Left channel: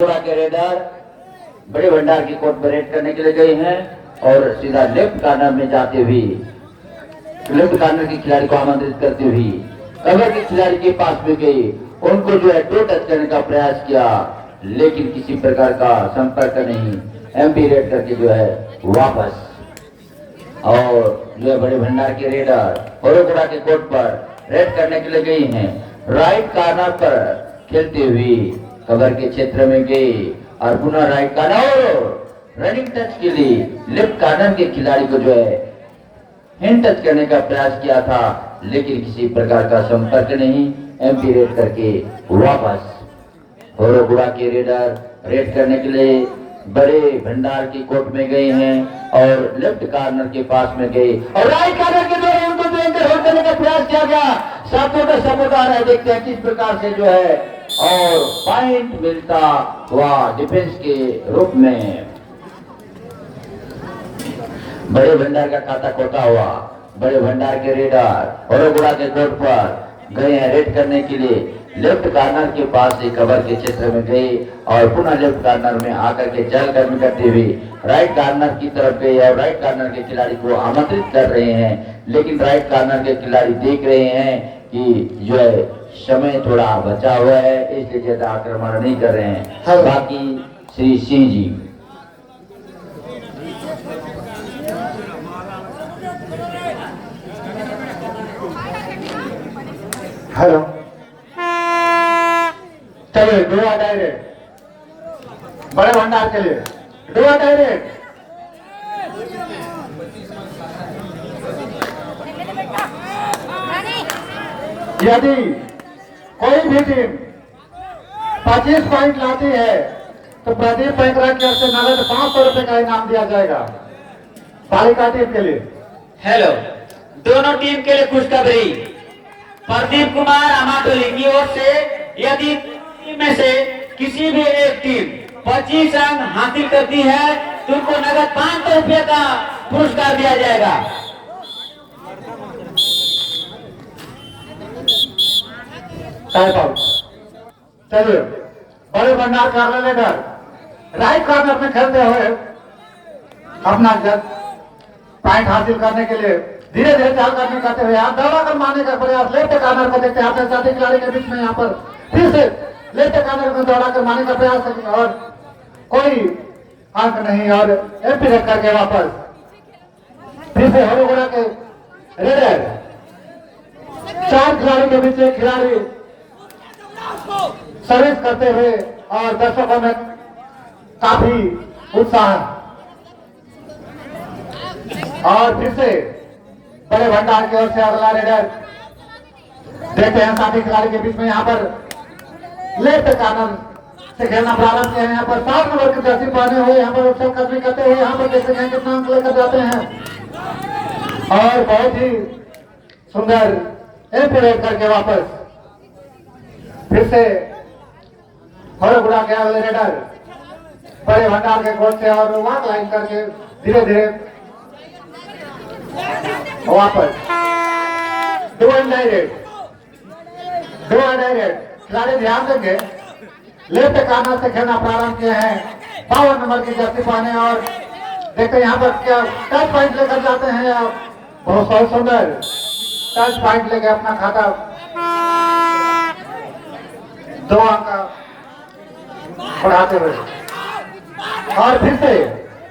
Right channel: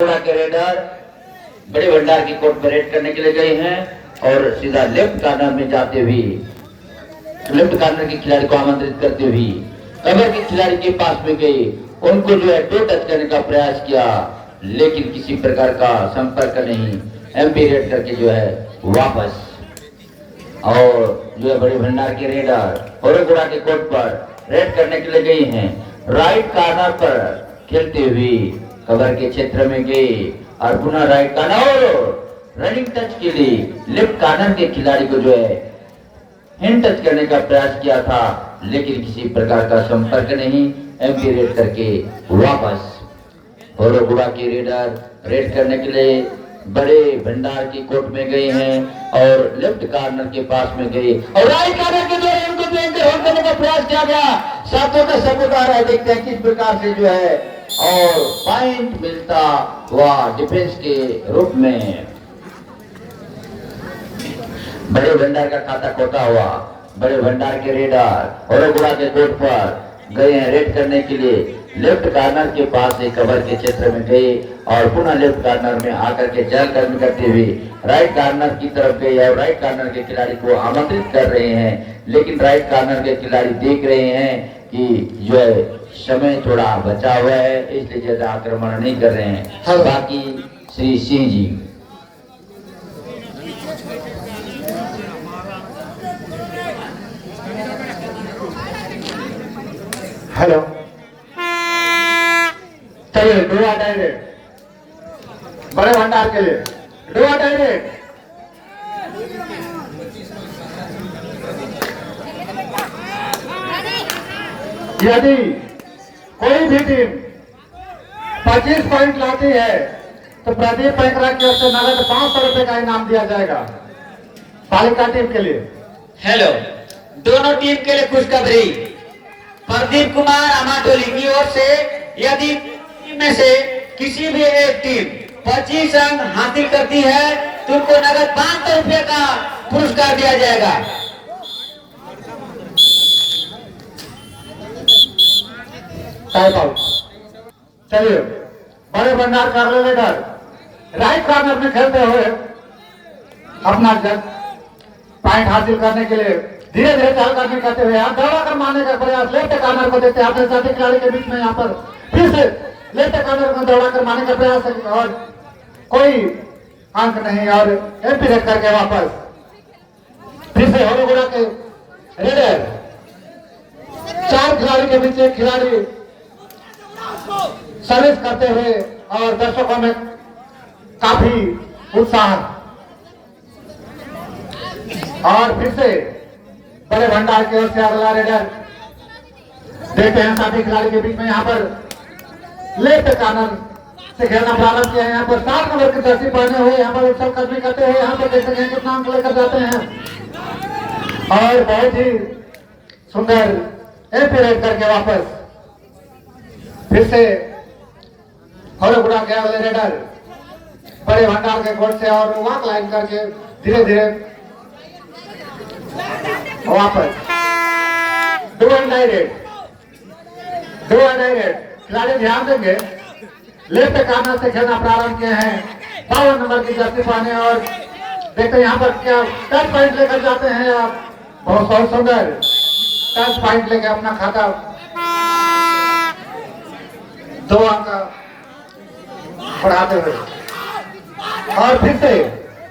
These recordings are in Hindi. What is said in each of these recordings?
के रेडर बड़े भंडार की कोर्ट पर रेड करने के लिए गए हैं और सीधा लेफ्ट कॉर्नर में जाते हुए लेफ्ट कॉर्नर के खिलाड़ी को आमंत्रित करते हुए कवर के खिलाड़ी के पास में गए, उनको जो है टो टच करने का प्रयास किया, लेकिन किसी प्रकार का संपर्क नहीं। एमपी रेड करके जो है वापस और जो है बड़े भंडार के रेडर होरोगुड़ा के कोर्ट पर रेड करने के लिए गए हैं। राइट कॉर्नर पर खेलते हुए कवर के क्षेत्र में गए और पुनः राइट कॉर्नर और रनिंग टच के लिए लेफ्ट कॉर्नर के खिलाड़ी को जो है हैंड टच करने का प्रयास किया था, लेकिन किसी प्रकार का संपर्क नहीं। एमपी रेड करके वापस होरोगुड़ा के रेडर रेड करने के लिए बड़े भंडार की कोर्ट में गए हैं और लेफ्ट कॉर्नर के पास में गए और राइट कॉर्नर के द्वारा उनको होल्ड करने का प्रयास किया गया। साथियों का सपोर्ट आ रहा है, देखते हैं किस प्रकार से जो है और पॉइंट मिलता हुआ डिफेंस के रूप में। बड़े भंडार का खाता खोटा हुआ, बड़े भंडार के रेडर होरोगुड़ा के कोर्ट पर गए हैं रेड करने के लिए। लेफ्ट कॉर्नर के पास से कवर के क्षेत्र में गए और पुनः लेफ्ट कॉर्नर में आकर के चहलकदमी करते हुए राइट कॉर्नर की तरफ गए और राइट कॉर्नर के खिलाड़ी को आमंत्रित कर रहे हैं, लेकिन राइट कॉर्नर के खिलाड़ी देख रहे हैं कि जो है समय थोड़ा बचा हुआ है, इसलिए ज्यादा आक्रमण नहीं कर रहे हैं। बाकी श्री सिंह जी हेलो, चलिए डोरा डायरेक्ट बड़े भंडार के लिए डोरा डायरेक्ट। यदि कोई भी टीम 25 पॉइंट लाती है तो प्रदीप पैंकरा की ओर से नगद 500 रुपए का इनाम दिया जाएगा बालिका टीम के लिए। हेलो, दोनों टीम के लिए खुशखबरी। प्रदीप कुमार अमाटोली की ओर से यदि टीम में से किसी भी एक टीम 25 अंक हासिल करती है तो उनको नगद 500 रुपए का पुरस्कार दिया जाएगा। चलिए बड़े भंडार का रेडर राइट कॉर्नर में खेलते हुए अपना पॉइंट हासिल करने के लिए धीरे धीरे चहलकदमी करते हुए आप दौड़ा कर मारने का प्रयास लेफ्ट कॉर्नर को देखते हैं अपने साथी खिलाड़ी के बीच में यहाँ पर फिर से लेफ्ट कॉर्नर को दौड़ा कर मारने का प्रयास और कोई अंक नहीं और एमपी रेड करके वापस फिर से होरोगुड़ा के रेडर 4 खिलाड़ी के बीच एक खिलाड़ी सर्विस करते हुए और दर्शकों में काफी उत्साह और फिर से बड़े भंडार की ओर से अगला रेडर देखते हैं साथी खिलाड़ी के बीच में यहाँ पर लेफ्ट कॉर्नर से खेलना प्रारंभ किया है। यहाँ पर 7 नंबर की जर्सी पहने हुए यहाँ पर उत्सव कदमी करते हुए यहाँ पर देखते हैं कितना अंक लेकर जाते हैं और बहुत ही सुंदर एमपी रेड करके वापस फिर से होरोगुड़ा के अगले रेडर बड़े भंडार के कोर्ट से और वॉक लाइन करके धीरे धीरे वापस डू डायरेक्ट खिलाड़ी ध्यान देंगे लेफ्ट कॉर्नर से खेलना प्रारंभ किए हैं 52 नंबर की जर्सी पहने और देखते यहाँ पर क्या 10 पॉइंट लेकर जाते हैं आप। बहुत सुंदर 10 पॉइंट लेकर अपना खाता 2 अंक बढ़ाते हुए और फिर से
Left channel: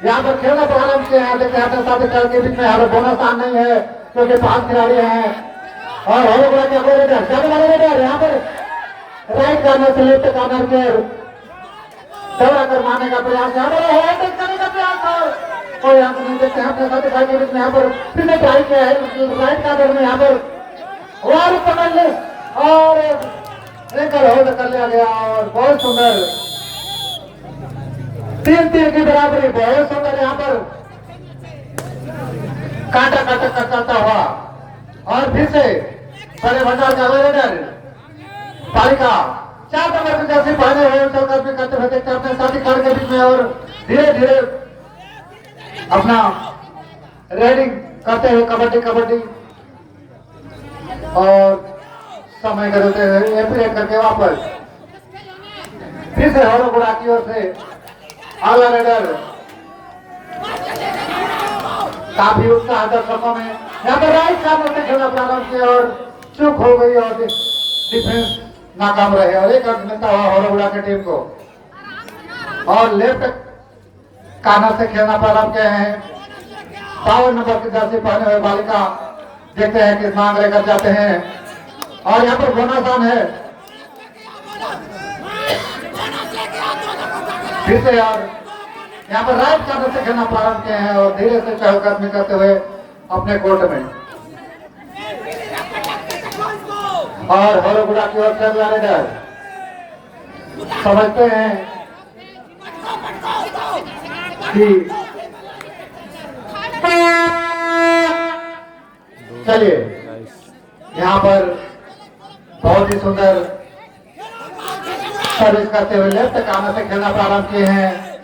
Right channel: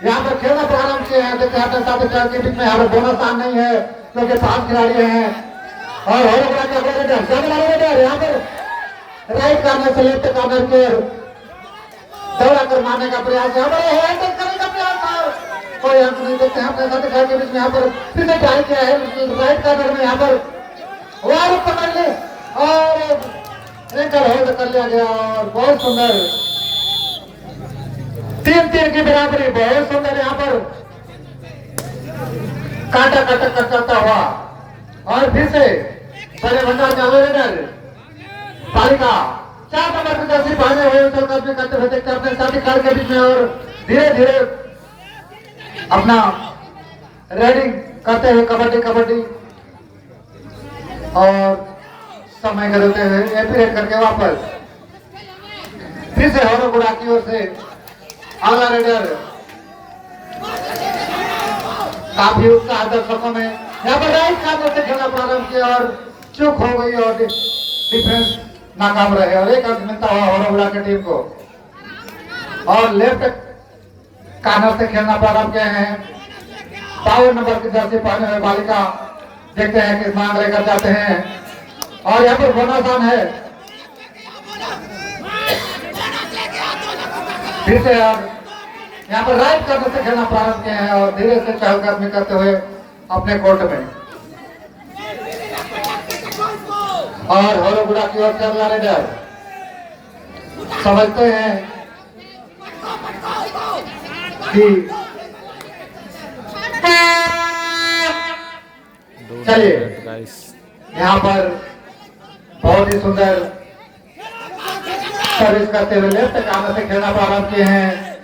यहाँ पर खेलना प्रारंभ किए हैं। देखते हैं साथ के बीच में यहाँ पर बोनस आन नहीं है क्योंकि 5 खिलाड़ी हैं और होरोगुड़ा के अगले रेडर यहाँ पर राइट कॉर्नर से लेफ्ट कॉर्नर के दौड़ा कर मारने का प्रयास करने का प्रयास और कोई अंक नहीं देखते हैं अपने साथ के बीच में यहाँ पर फिर से ट्राई किया है राइट कॉर्नर में यहाँ पर वार पकड़ ले और एंकल होल्ड कर लिया गया और बहुत सुंदर 3-3 की बराबरी। बहुत सुंदर यहाँ पर काटा कटक करता हुआ और फिर से बड़े भंडार का रेडर बालिका 4 नंबर की जर्सी पहने हुए चलकदमी करते हुए देखते अपने साथी खिलाड़ी के बीच में और धीरे धीरे अपना रेडिंग करते हुए कबड्डी और समय करते हुए एमपी रेड करके वापस फिर से हरोगुड़ा की ओर से अगला रेडर काफी उत्साह दर्शकों में यहाँ पर राइट कार्नर से खेलना प्रारंभ किया और चूक हो गई और डिफेंस नाकाम रहे और एक अंक मिलता हुआ हरोगुड़ा की टीम को। और लेफ्ट कार्नर से खेलना प्रारंभ किए हैं 52 नंबर की जर्सी पहने हुए बालिका। देखते हैं किस मांग लेकर जाते हैं और यहाँ पर बोनस ऑन है फिर से। और यहाँ पर राइट कार्नर से खेलना प्रारंभ किए हैं और धीरे से चहलकदमी करते हुए अपने कोर्ट में। और हरोगुड़ा की ओर से अगला रेडर समझते हैं कि चलिए यहाँ पर बहुत ही सुंदर सर्विस करते हुए लेफ्ट कार्नर से खेलना प्रारंभ किए हैं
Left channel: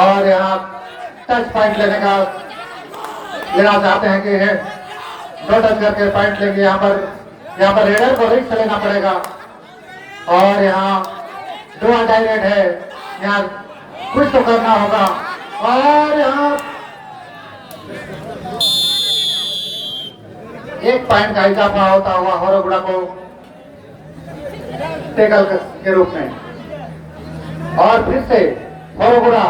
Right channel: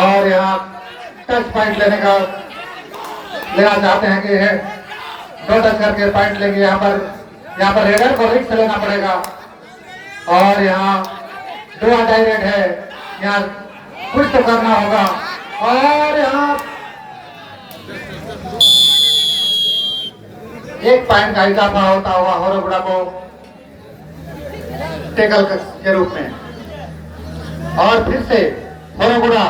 और यहाँ टच पॉइंट लेना चाहते हैं कि दो टच करके पॉइंट लेंगे। यहाँ पर रेडर को रिस्क लेना पड़ेगा और यहाँ दो डायरेक्ट है, यहाँ कुछ तो करना होगा। और यहाँ एक पॉइंट का इजाफा होता हुआ हरोगुड़ा को टेकल के रूप में। और फिर से हरोगुड़ा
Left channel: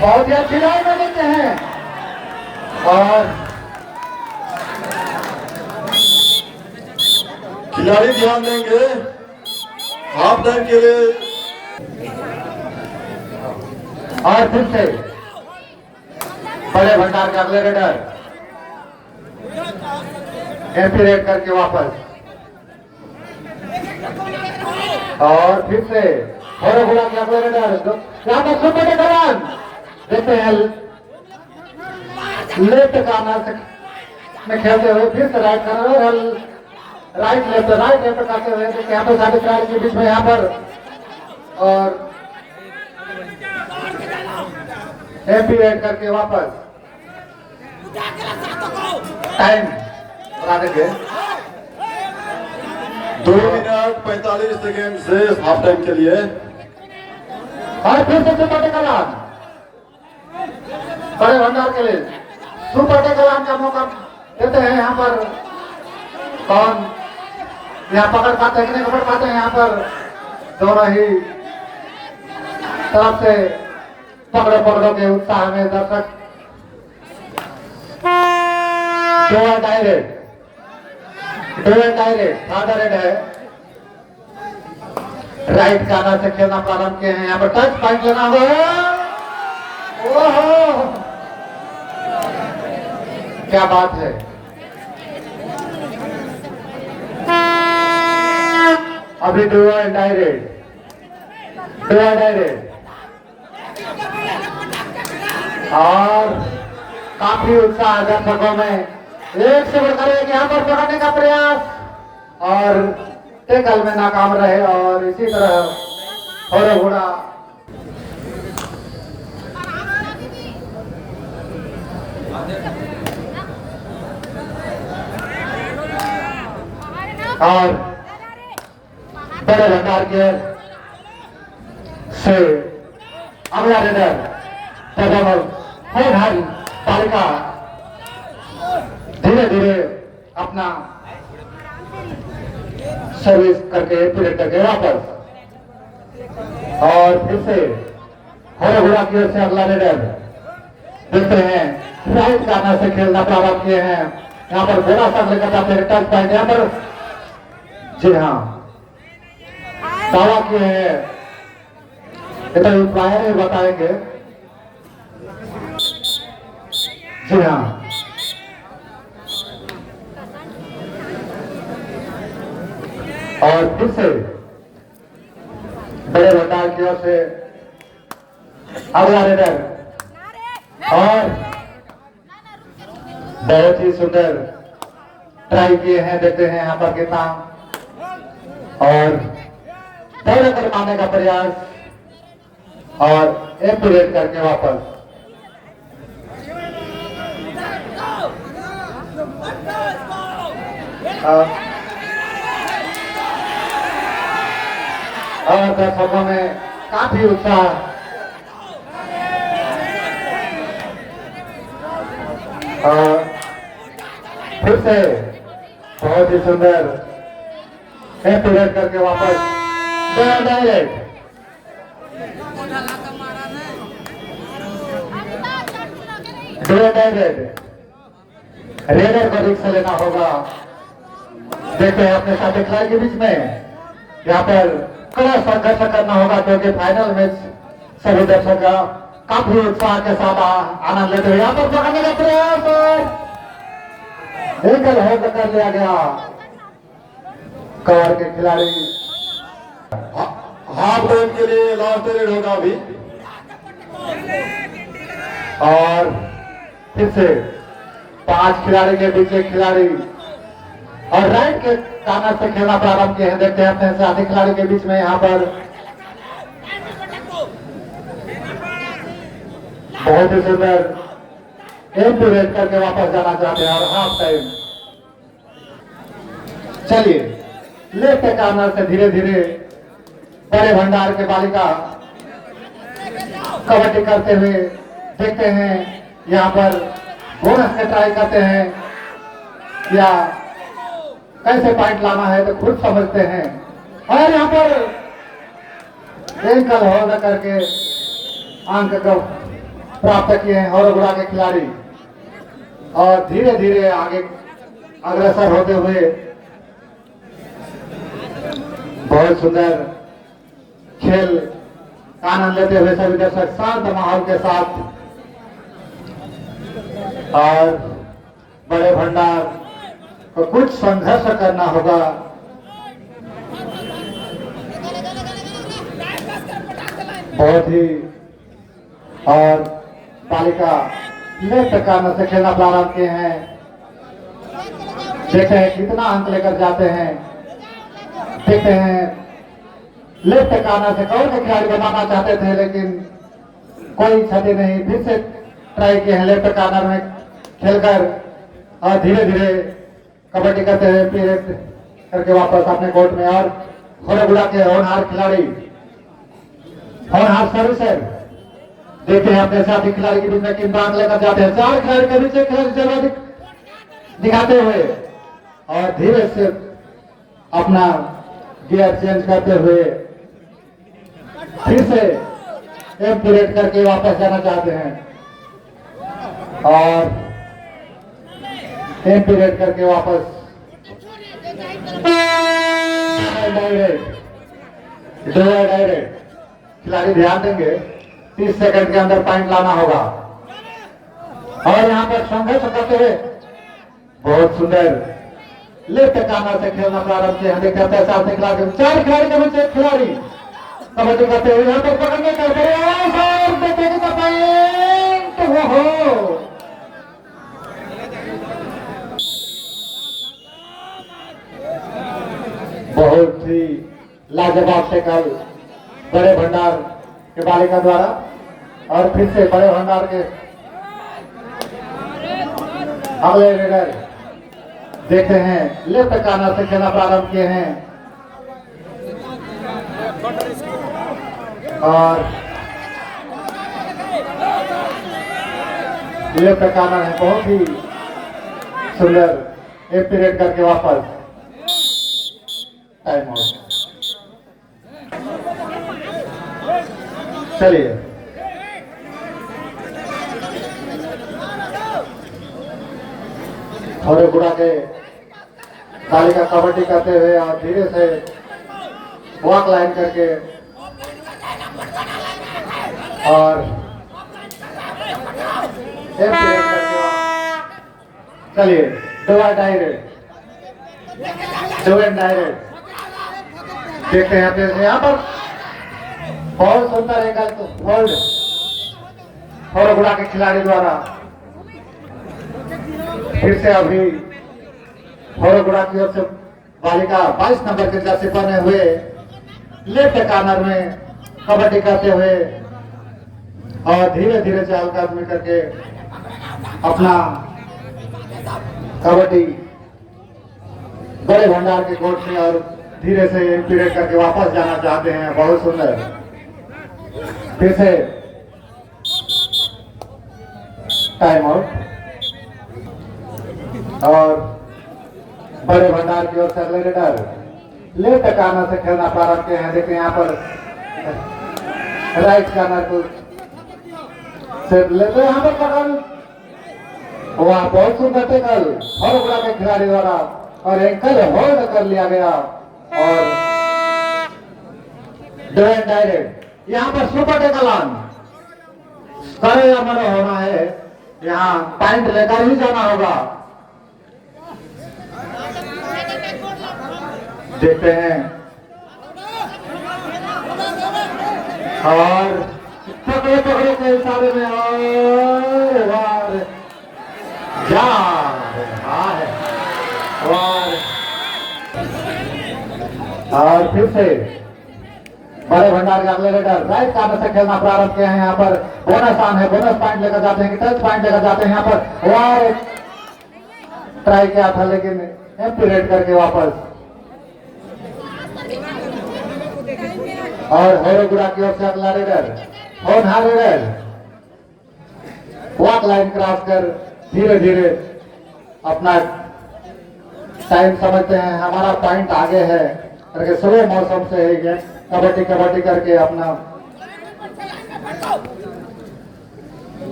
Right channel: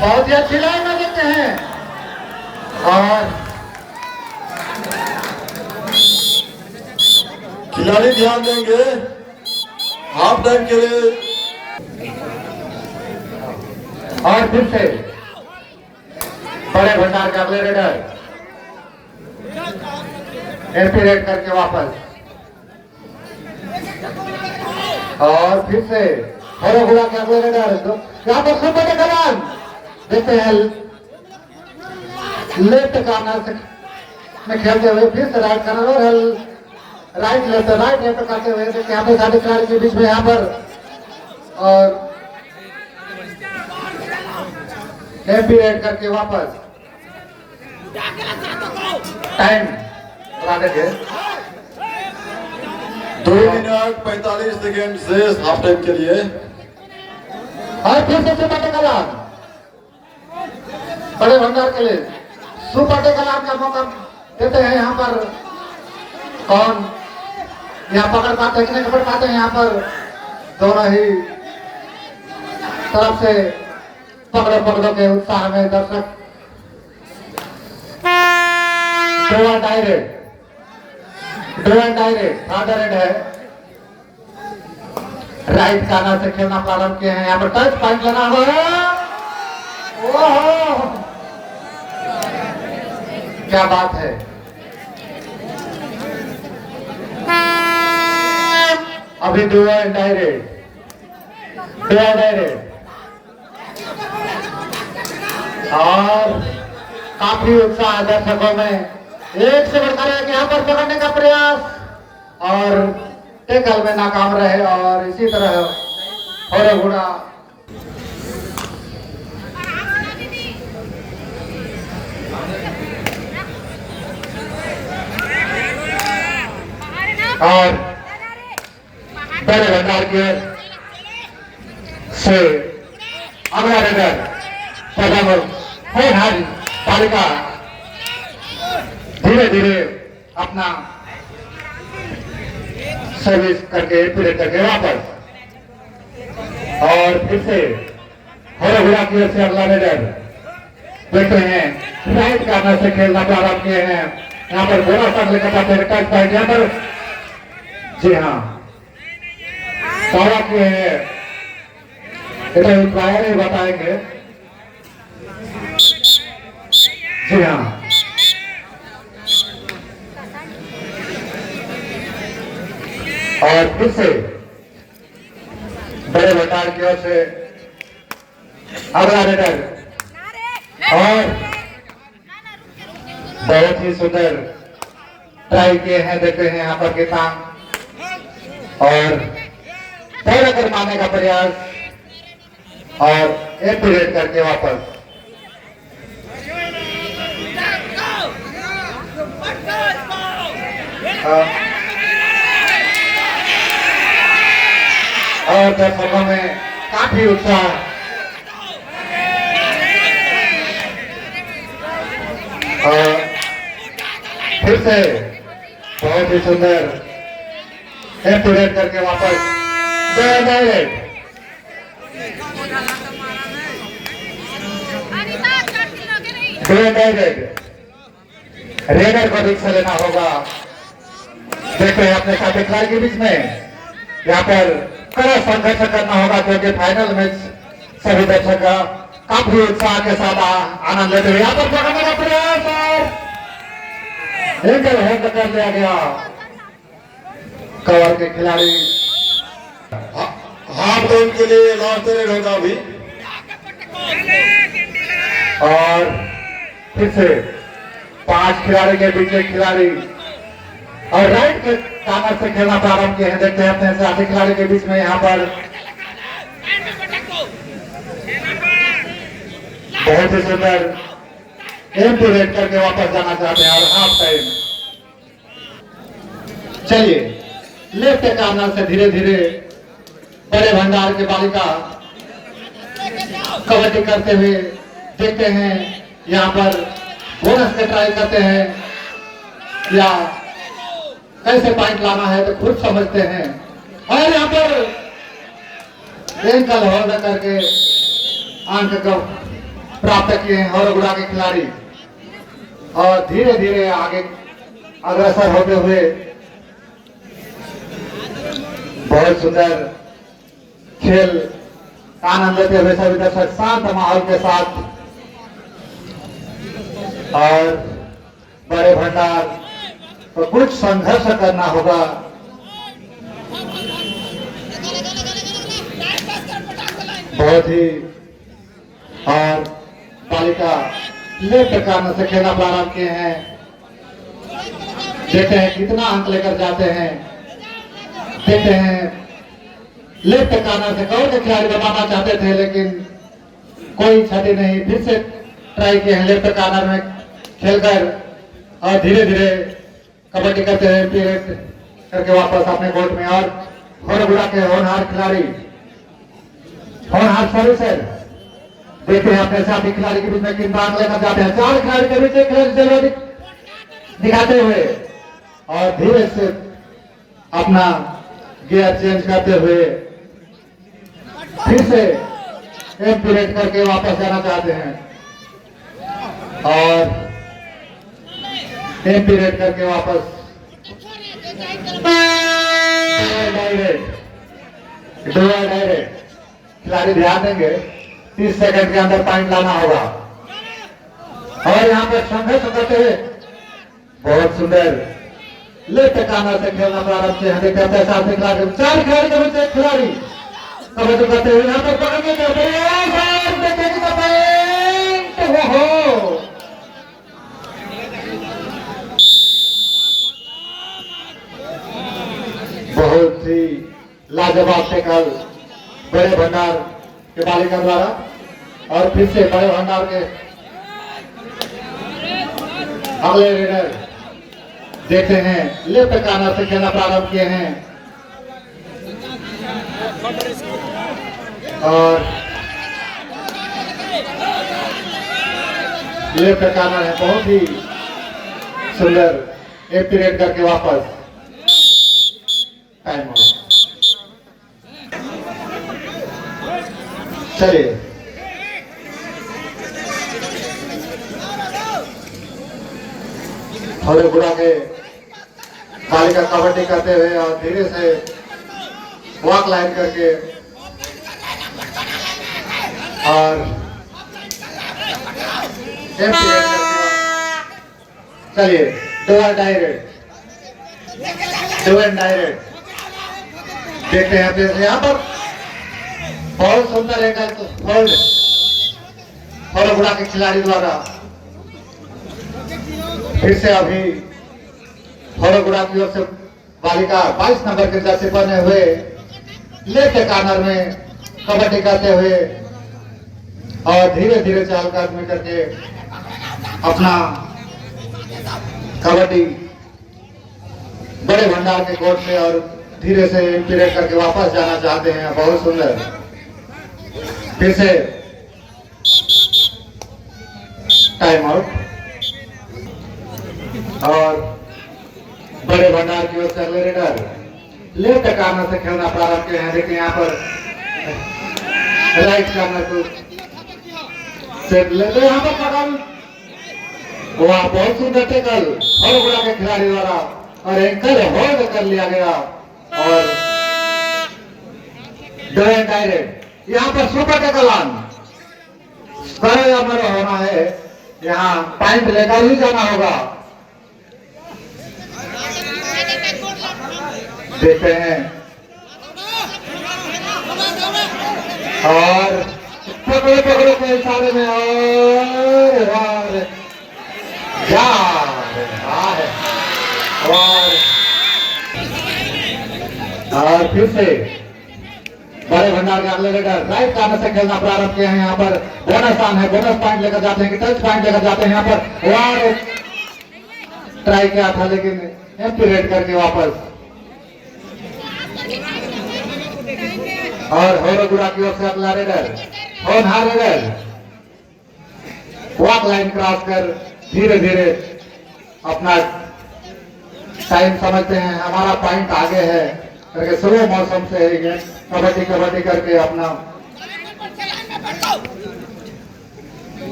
बहुत ही अच्छी लाइन में देते हैं और खिलाड़ी ध्यान देंगे हाफ टाइम के लिए। और फिर से बड़े भंडार के अगले रेडर एमपी रेड करके वापस। और फिर से हरोगुड़ा के अगले रेडर यहाँ पर सुपर टेकलान देखते हैं लेफ्ट कार्नर में खेलते हुए फिर से राइट कार्नर और राइट लेफ्ट करते हुए यहाँ पर साढ़े खिलाड़ी के बीच में यहाँ पर और एमपी रेड करके वापस। टाइम बता देंगे 2 मिनट 45 सेकेंड से हाफ टाइम के लिए। और फिर से सुपर टेकलान बड़े भंडार के लिए सुपर टेकलान का मौका देते हैं। यहाँ पर कौन यहाँ पकड़ पाते हैं कि नहीं पकड़ पाते हैं। यहाँ पर दोनों ही तरफ से पकड़ों के उत्साह में दर्शक डायरेक्ट फादर हेड है। राइट कार्नर से खेलना प्रारंभ किए हैं। यहाँ पर टच पॉइंट लेना होगा। ओहो क्या बात है। अभी डायरेक्ट और काफी उत्साह दर्शकों में। एक से बढ़कर एक यहाँ पर पकड़ने का प्रयास और टेकल में नाकाम रहे। और इसी तरह हरोगुड़ा और बड़े भंडार के से अगला रेडर तालिका धीरे धीरे अपना सर्विस करके पीरियड करके वापस। और फिर से हरोगुड़ा की ओर से अगला रेडर देखते हैं राइट कार्नर से खेलना प्रारंभ किए हैं। यहाँ पर बोरा सर लेकर जाते हैं टच पॉइंट। यहाँ पर जी हाँ दावा किए हैं प्राय नहीं बताएंगे। जी हाँ और फिर से बड़े भंडार की ओर से अगला रेडर और बहुत ही सुंदर ट्राई किए हैं। देखते हैं यहाँ पर कितना और पहले कर पाने का प्रयास और एक पीरियड करके वापस। और दर्शकों में काफी उत्साह। और फिर से बहुत ही सुंदर एम्पुरेट करके वापस रेडर को रिक्स लेना होगा। देखते हैं अपने साथी खिलाड़ी के बीच में यहाँ पर कड़ा संघर्ष करना होगा, क्योंकि फाइनल मैच सभी दर्शक का काफी उत्साह के साथ आनंद लेते हुए यहाँ पर पकड़ने का प्रयास और एंगल होल्ड कर लिया गया। कवर के खिलाड़ी हाफ टाइम के लिए लास्ट रेड होगा अभी। और फिर से 5 खिलाड़ी के बीच एक खिलाड़ी और राइट के कॉर्नर से खेलना प्रारंभ किए हैं। देखते हैं अपने साथी खिलाड़ी के बीच में यहाँ पर बहुत ही सुंदर एम्पुरेट करके वापस जाना चाहते हैं और हाफ टाइम। चलिए लेफ्ट कॉर्नर से धीरे धीरे बड़े भंडार के बालिका कबड्डी करते हुए देखते हैं। यहाँ पर बोनस के ट्राई करते हैं या कैसे पॉइंट लाना है तो खुद समझते हैं। और यहाँ पर एंकल होल्ड करके अंक को प्राप्त किए हैं और गुड़ा के खिलाड़ी और धीरे धीरे आगे अग्रसर होते हुए बहुत सुंदर खेल आनंद लेते हुए सभी दर्शक शांत माहौल के साथ। और बड़े भंडार को कुछ संघर्ष करना होगा। बहुत ही और बालिका लेफ्ट कॉर्नर से खेलना प्रारंभ किए हैं। देखते हैं कितना अंक लेकर जाते हैं। देखते हैं लेफ्ट कॉर्नर से कवर के खिलाड़ी बनाना चाहते थे लेकिन कोई क्षति नहीं। फिर से ट्राई किए हैं लेफ्ट कॉर्नर में खेलकर और धीरे धीरे कबड्डी करते हुए पीरियड करके वापस अपने कोर्ट में। और बुरा के होनहार खिलाड़ी होनहार सर्विसर देखते हैं अपने साथी खिलाड़ी के बीच में किन अंक लेकर जाते हैं। 4 खिलाड़ी के बीच एक खिलाड़ी दिखाते हुए और धीरे से अपना गियर चेंज करते हुए फिर से एक पीरियड करके वापस जाना चाहते हैं और एक पीरियड करके वापस डायरेक्ट खिलाड़ी ध्यान देंगे 30 सेकंड के अंदर पॉइंट लाना होगा। और यहाँ पर संघर्ष करते हुए बहुत सुंदर लेफ्ट कॉर्नर से खेलना प्रारंभ किया है। देखते हैं 4 खिलाड़ी के बीच एक खिलाड़ी कबड्डी करते हुए यहाँ पर पकड़ने का प्रयास। देखेंगे तो पॉइंट हो बहुत ही लाजवाब टैकल बड़े भंडार के बालिका द्वारा। और फिर से बड़े भंडार के अगले रेडर देखते हैं लेफ्ट कॉर्नर से खेलना प्रारंभ किए हैं और लेफ्ट कॉर्नर है। बहुत ही सुंदर एक पीरियड करके वापस टाइम आउट। चलिए थोड़े बुरा के बालिका कबड्डी करते हुए और धीरे से वॉक लाइन करके और चलिए डायरेक्ट देखते हैं अपने यहाँ पर बहुत सुंदर एक होल्ड थोड़ा बुरा के खिलाड़ी द्वारा। फिर से अभी थोड़ा बुरा की ओर से बालिका 22 नंबर के जर्सी पहने हुए लेफ्ट कॉर्नर में कबड्डी करते हुए और धीरे धीरे चाल आदमी करके अपना कबड्डी बड़े भंडार के कोर्ट से और धीरे से पीरियड करके वापस जाना चाहते हैं। बहुत सुंदर, फिर से टाइम आउट। और बड़े भंडार की ओर से अगले रेडर लेफ्ट कार्नर से खेलना प्रारंभ किए हैं। देखिए यहाँ पर राइट कार्नर को सेट लेते यहाँ पर पकड़, वह बहुत सुंदर टेकल और बुरा के खिलाड़ी द्वारा और एंकर होल्ड कर लिया गया और डायरेक्ट यहाँ पर सुपर टेकल ऑन करे या मरो होना है। यहाँ पॉइंट लेकर ही जाना होगा। देखते हैं और पकड़े पकड़े के इशारे में और फिर से बड़े भंडार के अगले रेडर राइट कार्नर से खेलना प्रारंभ किया है। यहाँ पर बोनस ऑन है, बोनस पॉइंट लेकर जाते हैं कि टच पॉइंट लेकर जाते हैं। यहाँ पर और ट्राई किया था लेकिन एम्पीरेट करके वापस और होरोगुड़ा की ओर से अगला रेडर होनहार रेडर वॉक लाइन क्रॉस कर धीरे धीरे अपना टाइम समझते हैं, हमारा पॉइंट आगे है करके स्लो मौसम से ही गेम कबड्डी कबड्डी करके अपना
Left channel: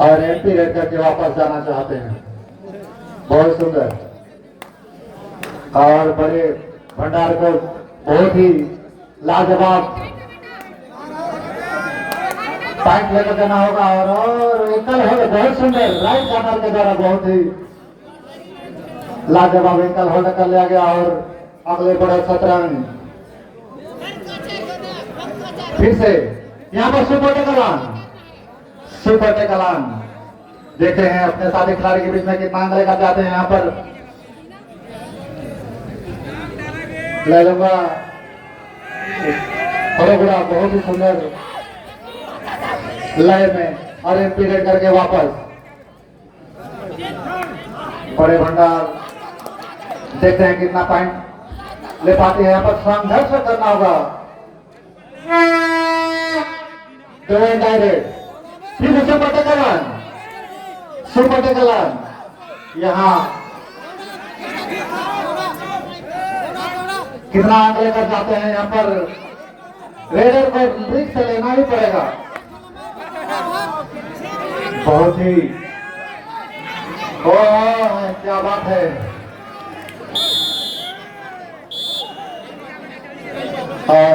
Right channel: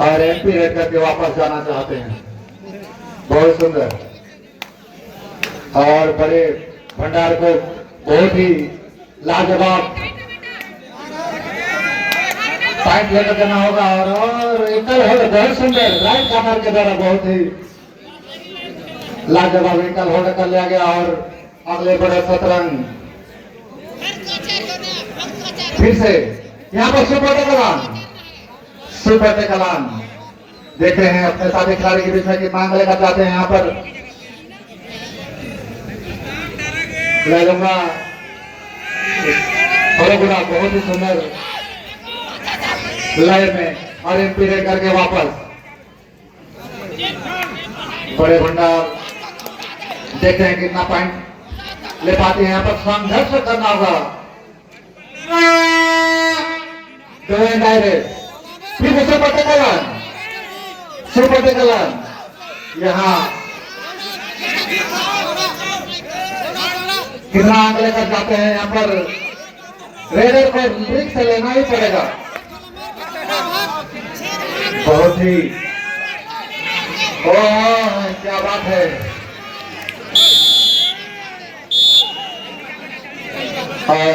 और एमपी रेड करके वापस जाना चाहते हैं। बहुत सुंदर और बड़े भंडार को बहुत ही लाजवाब पॉइंट लेकर जाना होगा और एकल होल्ड बहुत सुंदर राइट कार्नर के द्वारा बहुत ही लाजवाब एकल होल्ड कर लिया गया और अगले बड़ा शतरंज फिर से यहाँ पर सुपर टेकलान देखते हैं अपने साथी खिलाड़ी के बीच में कितना अंक लेकर जाते हैं। यहाँ पर ले लूंगा होरोगुड़ा बहुत ही सुंदर लाइन में और एम्पीरेट करके वापस बड़े भंडार देखते हैं कितना पॉइंट ले पाते हैं। यहाँ पर संघर्ष करना होगा डायरेक्ट फिर सुपर टेकलान यहाँ कितना अंक लेकर जाते हैं। यहाँ पर रेडर को ब्रिक से लेना ही पड़ेगा। बहुत ही क्या बात है और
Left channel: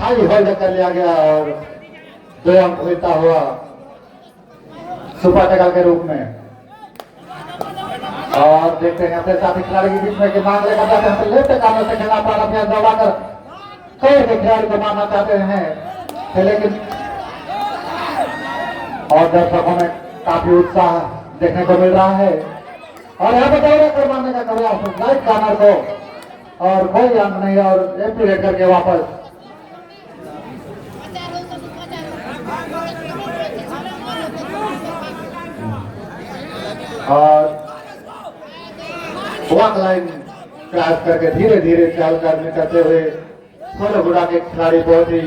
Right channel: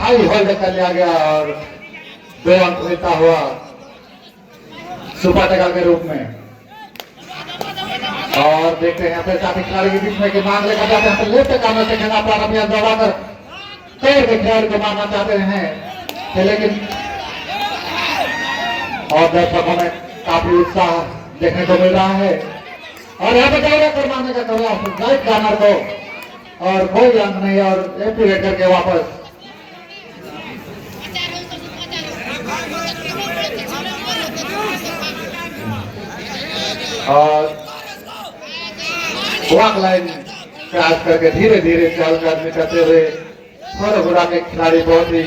हाई होल्ड कर लिया गया और 2 अंक मिलता हुआ सुपर टेकल के रूप में। और देखते हैं अपने साथी खिलाड़ी के बीच में कि मांग लेकर जाते हैं लेफ्ट कार्नर से खेलना प्रारंभ किया दबाकर कई के खिलाड़ी को मारना चाहते हैं लेकिन और दर्शकों में काफी उत्साह देखने को मिल रहा है और यहाँ पे दौड़े कर मारने का प्रयास राइट कार्नर को और कोई अंक नहीं और एम्पीरेट करके वापस और वॉक लाइन क्रॉस करके धीरे धीरे चाल कदमी करते हुए होरोगुड़ा के खिलाड़ी बहुत ही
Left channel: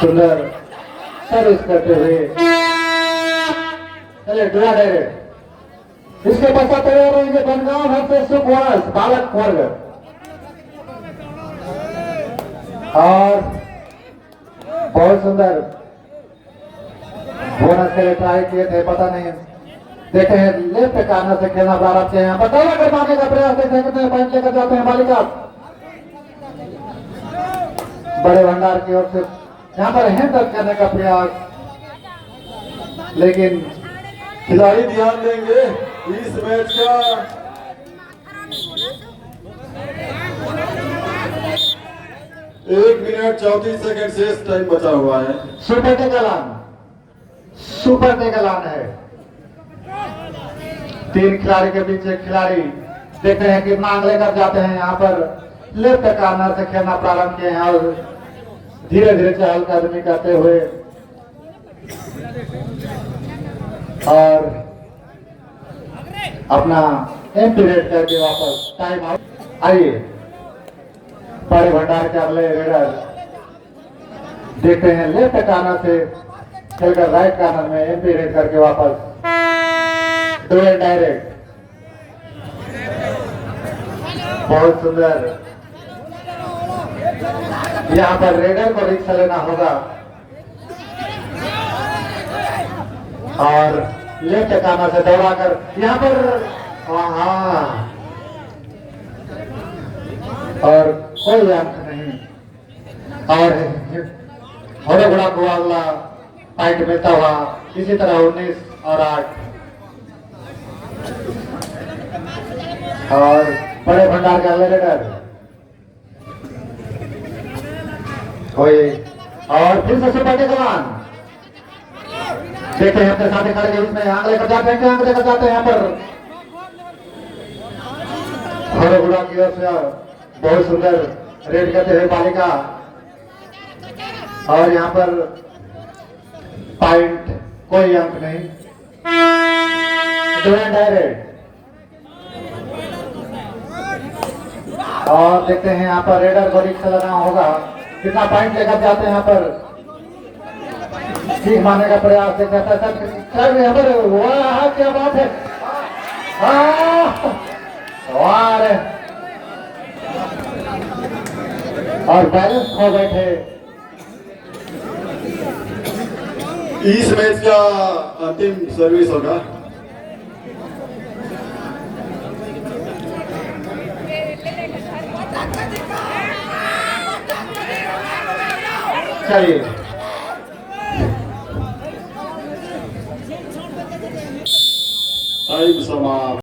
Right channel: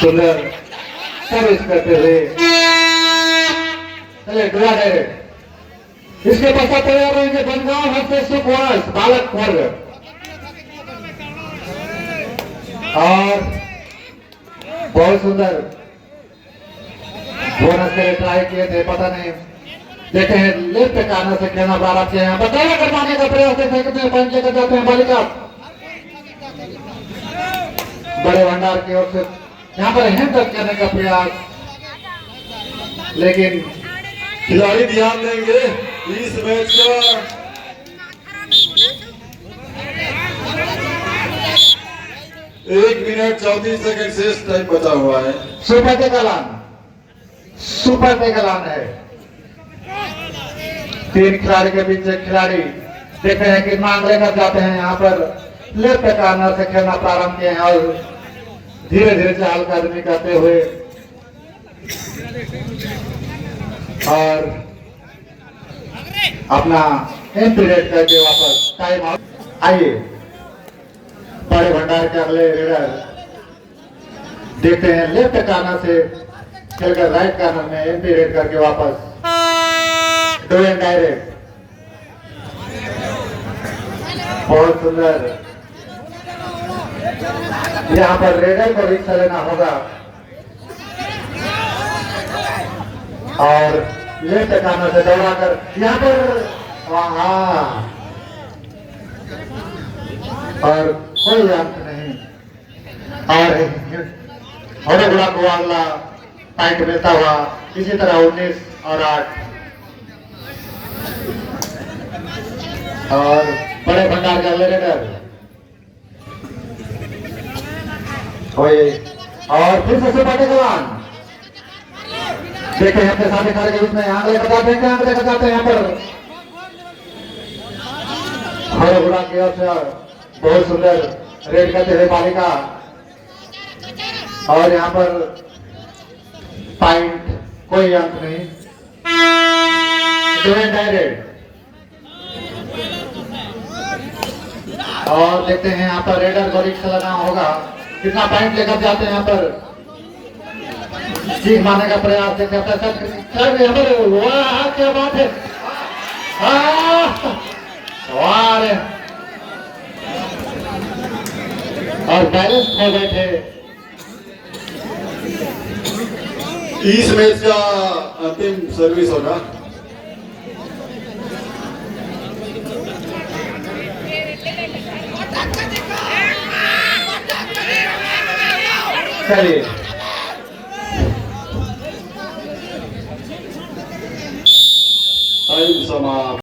सुंदर सर्विस करते हुए चले डुआ डायरेक्ट। इसके पश्चात तैयार होंगे बनगांव वर्सेस सुखवास बालक वर्ग और बहुत सुंदर बोनस के लिए ट्राई किए थे, पता नहीं देखे हैं लेफ्ट कार्नर से खेलना प्रारंभ किया। यहाँ बताया करवाने का प्रयास कितने पॉइंट लेकर जाते हैं बालिका बड़े भंडार की ओर से यहाँ पर हैंडल करने का प्रयास लेकिन खिलाड़ी ध्यान देंगे इस मैच का 1 मिनट 34 सेकंड शेष टाइम बचा हुआ है। सुपर टेकलान है। 3 खिलाड़ी के बीच एक खिलाड़ी देखते हैं कितना अंक लेकर जाते हैं। यहाँ पर लेफ्ट कार्नर से खेलना प्रारंभ किए हैं और धीरे धीरे चाल कदमी करते हुए और अपना एम पीरियड करके वापस टाइम आउट। आइए बड़े भंडार के अगले रेडर देखते हैं लेफ्ट कार्नर से खेलकर राइट कार्नर में एम पीरियड करके वापस डू एंड डायरेक्ट। बहुत सुंदर। यहाँ पर रेडर को रिक्शा लेना होगा और लेफ्ट कार्नर से दौड़ाकर यहाँ पर वहाँ और कोई अंक नहीं। और घोड़े घोड़ा को अगला पॉइंट मिलता हुआ इसी तरह 19 और 8 और बड़े भंडार के अगले रेडर कोई और फिर से सुपर टेकवान देखते हैं अपने सामने खड़े के बीच में आंख लेकर जाते हैं, आंख लेकर जाते हैं। यहाँ पर हर गुड़ा की ओर से बहुत सुंदर रेड करते हुए बालिका और यहाँ पर पॉइंट कोई अंक नहीं। डायरेक्ट और देखते हैं यहाँ पर रेडर को रिक्शा लगाना होगा, कितना पॉइंट लेकर जाते हैं। यहाँ पर सीख मारने का प्रयास देखते हैं सर यहाँ पर। वाह क्या बात है, वाह और बैलेंस खो गए थे। इस मैच का अंतिम सर्विस होगा। चलिए टाइम समाप्त।